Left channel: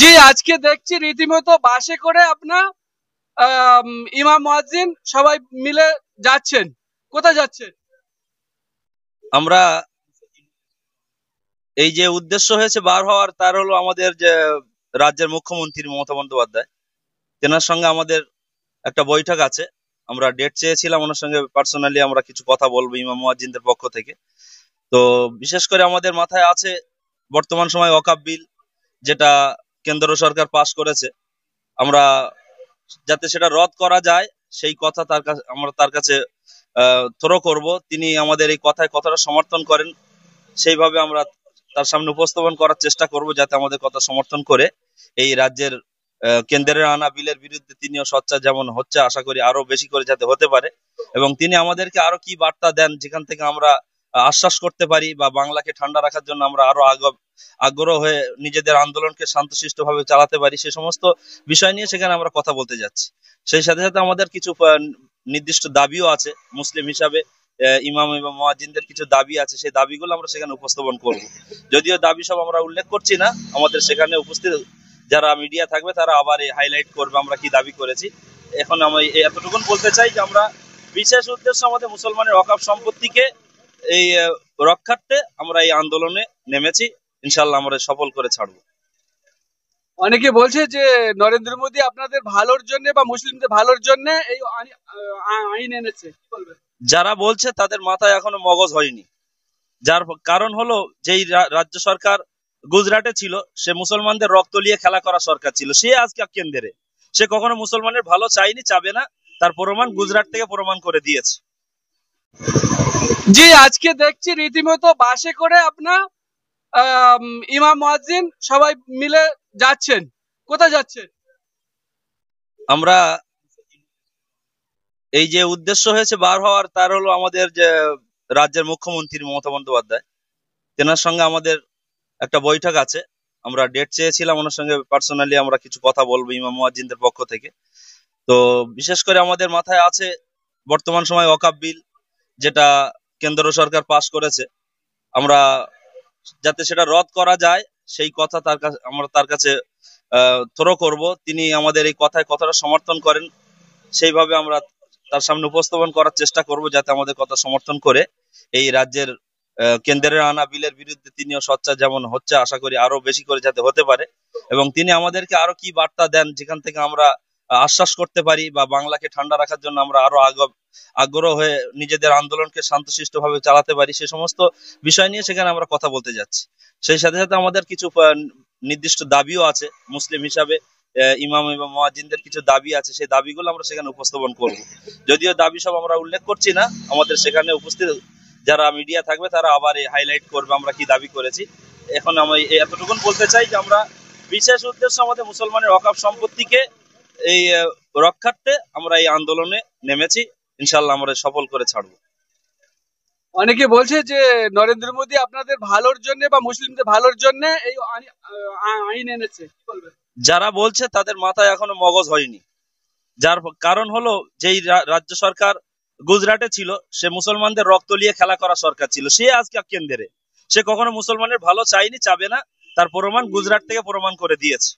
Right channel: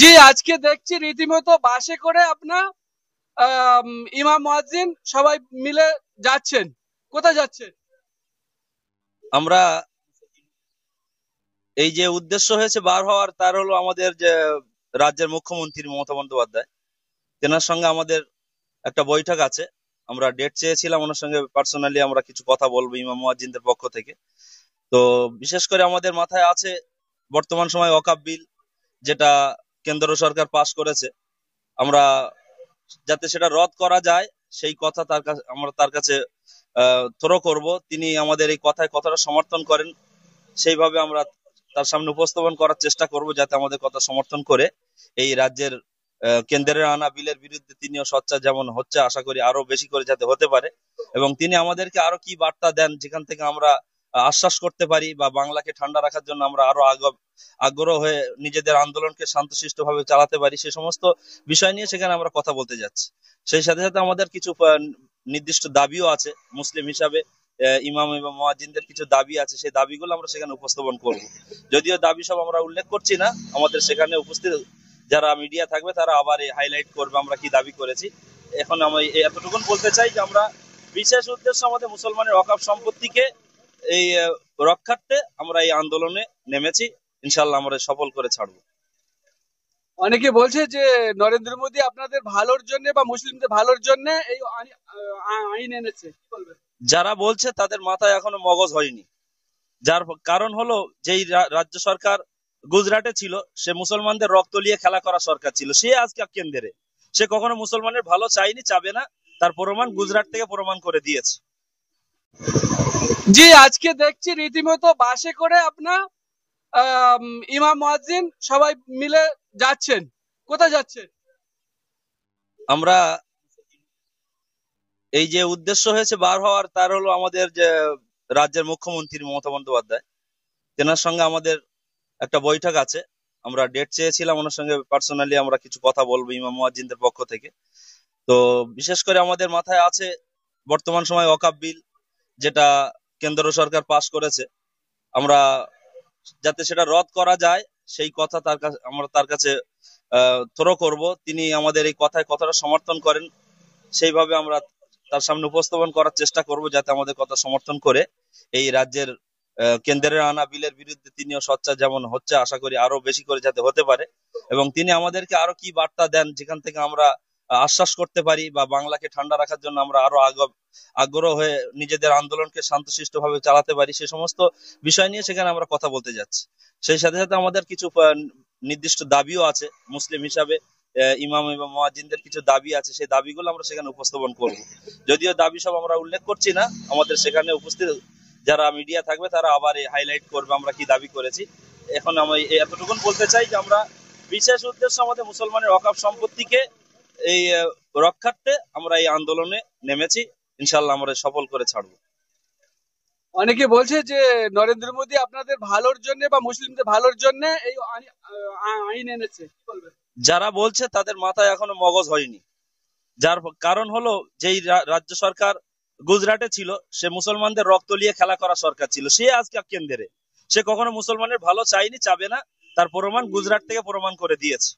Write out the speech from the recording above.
জি, আজকে দেখছি রীতিমতো বাসে করে আপনার ইমাম মুয়াজ্জিন সবাই মিলে যাচ্ছেন। কোথায় যাচ্ছেন? আমরা এই যে উদ্দেশ্য হয়েছে বার হওয়ার, তার হলো আমাদের যে রাজ্যের মুখ্যমন্ত্রী মমতা বন্দ্যোপাধ্যায়, তেনার সঙ্গে আমাদের একটা বৈঠক আছে। আমরা ডেট চেয়েছিলাম, ওনার সঙ্গে পার্সোনালি আমরা কিছু কথা বলবো ইমাম মুয়াজ্জিনদের পক্ষ থেকে। তো বিশেষ করে আমাদের মাথায় আছে বর্তমান সময় ওয়াকফ বিল, যেটা কেন্দ্র সরকার পাশ করেছে। আমরা যাতে সেটা রদ করা যায় সেই কথা তার কাছে আমরা তার কাছে থ্রো করব। তিনি আমাদের এই কথায় কতটা সমর্থন করেন সেইভাবে আমরা তার সামনে উপস্থাপন করার চেষ্টা করব, যাতে আমাদের কথা সমর্থন করে এই রাজ্যের কেন্দ্রের আনা বিলের বিরুদ্ধে তিনিও সোচ্চার যেমন হচ্ছে, আশা করি আরো বেশি করে যাতে হতে পারে। এবং তিনি আমাদেরকে আরো কি বার্তা দেন, যেখান থেকে আমরা আশ্বাস করতে পারি বা বাংলাকে ঠান্ডা রাখার জন্য আমরা আরো আগ্রহ হয়ে নিজেদের আন্দোলনকে শান্তশিষ্টভাবে চালাতে পারি, সে সমস্ত বিষয় নিয়ে সেখানে আমরা কথা বলতে যাচ্ছি। সেই সাথে সাথে আমাদের কিছু নির্দিষ্ট দাবিও আছে মুসলিম হিসাবে। ইমাম এবং মুয়াজ্জিনদের কিছু দাবি আছে, সেই দাবিগুলো আমরা সেখানে উপস্থাপন করব। যদিও দাবি সব আমরা উল্লেখ করছি না, আমাদের সেখানে উপস্থিত যারা মিডিয়া থাকবে তারা আবার হাইলাইট করবে আমরা কি দাবি করেছি। এখন আমি এতটুকুন বলতে চাই যে আমরা বিশেষ উদ্দেশ্য আমাদের মুসলমানের ওয়াকফ সম্পত্তিকে এই রক্ষার্থে আমরা এই আন্দোলনে নেমেছি। ইনশাল্লাহ আমরা সফল করে ছাড়বো। অনেকে বলছে যে নরেন্দ্র মোদী আপনাদের ভালোর জন্য বা মুসলিমদের ভালোর জন্য এই আইন এনেছে, কি বলবেন? যারা বলছে তাদের মাথায় এখনো মগজ হয়নি। যার কারণ হলো, যেই রাজ্য সরকার গুজরাটে ছিল, সে মুসলমানদের রক্ত নিয়ে খেলা করা সরকার ছিল। সে আজকে কেন্দ্রে, সে কখনো মুসলমানের ভালো চাইনি, চাবে না। তার প্রমাণ গুজরাট থেকে প্রমাণ করে দিয়েছে। জি, আজকে দেখছি রীতিমতো বাসে করে আপনার ইমাম মুয়াজ্জিন সবাই মিলে যাচ্ছেন। কোথায় যাচ্ছেন? আমরা এই যে উদ্দেশ্য হয়েছে বার হওয়ার, তার হলো আমাদের যে রাজ্যের মুখ্যমন্ত্রী মমতা বন্দ্যোপাধ্যায়, তেনার সঙ্গে আমাদের একটা বৈঠক আছে। আমরা ডেট চেয়েছিলাম, ওনার সঙ্গে পার্সোনালি আমরা কিছু কথা বলবো ইমাম মুয়াজ্জিনদের পক্ষ থেকে। তো বিশেষ করে আমাদের মাথায় আছে বর্তমান সময় ওয়াকফ বিল, যেটা কেন্দ্র সরকার পাশ করেছে। আমরা যাতে সেটা রদ করা যায় সেই কথা আমরা তার কাছে থ্রো করব। তিনি আমাদের এই কথায় কতটা সমর্থন করেন সেইভাবে আমরা তার সামনে উপস্থাপন করার চেষ্টা করব, যাতে আমাদের কথা সমর্থন করে এই রাজ্যের কেন্দ্রের আনা বিলের বিরুদ্ধে তিনিও সোচ্চার যেমন হচ্ছে, আশা করি আরো বেশি করে যাতে হতে পারে। এবং তিনি আমাদেরকে আরো কি বার্তা দেন, যেখান থেকে আমরা আশ্বাস করতে পারি বা বাংলাকে ঠান্ডা রাখার জন্য আমরা আরো আগ্রহ হয়ে নিজেদের আন্দোলনকে শান্তশিষ্টভাবে চালাতে পারি, সে সমস্ত বিষয় নিয়ে সেখানে আমরা কথা বলতে যাচ্ছি। সেই সাথে সাথে আমাদের কিছু নির্দিষ্ট দাবিও আছে মুসলিম হিসাবে। ইমাম এবং মুয়াজ্জিনদের কিছু দাবি আছে, সেই দাবিগুলো আমরা সেখানে উপস্থাপন করব। যদিও দাবি সব আমরা উল্লেখ করছি না, আমাদের সেখানে উপস্থিত যারা মিডিয়া থাকবে তারা আবার হাইলাইট করবে আমরা কি দাবি করেছি। এখন আমি এতটুকুন বলতে চাই যে আমরা বিশেষ উদ্দেশ্য আমাদের মুসলমানের ওয়াকফ সম্পত্তিকে এই রক্ষার্থে আমরা এই আন্দোলনে নেমেছি। ইনশাল্লাহ আমরা সফল করে ছাড়বো। অনেকে বলছে যে নরেন্দ্র মোদী আপনাদের ভালোর জন্য বা মুসলিমদের ভালোর জন্য এই আইন এনেছে, কি বলবেন? যারা বলছে তাদের মাথায় এখনো মগজ হয়নি। যার কারণ হলো, যেই রাজ্য সরকার গুজরাটে ছিল, সে মুসলমানদের রক্ত নিয়ে খেলা করা সরকার ছিল। সে আজকে কেন্দ্রে, সে কখনো মুসলমানের ভালো চাইনি, চাবে না। তার প্রমাণ গুজরাট থেকে প্রমাণ করে দিয়েছে।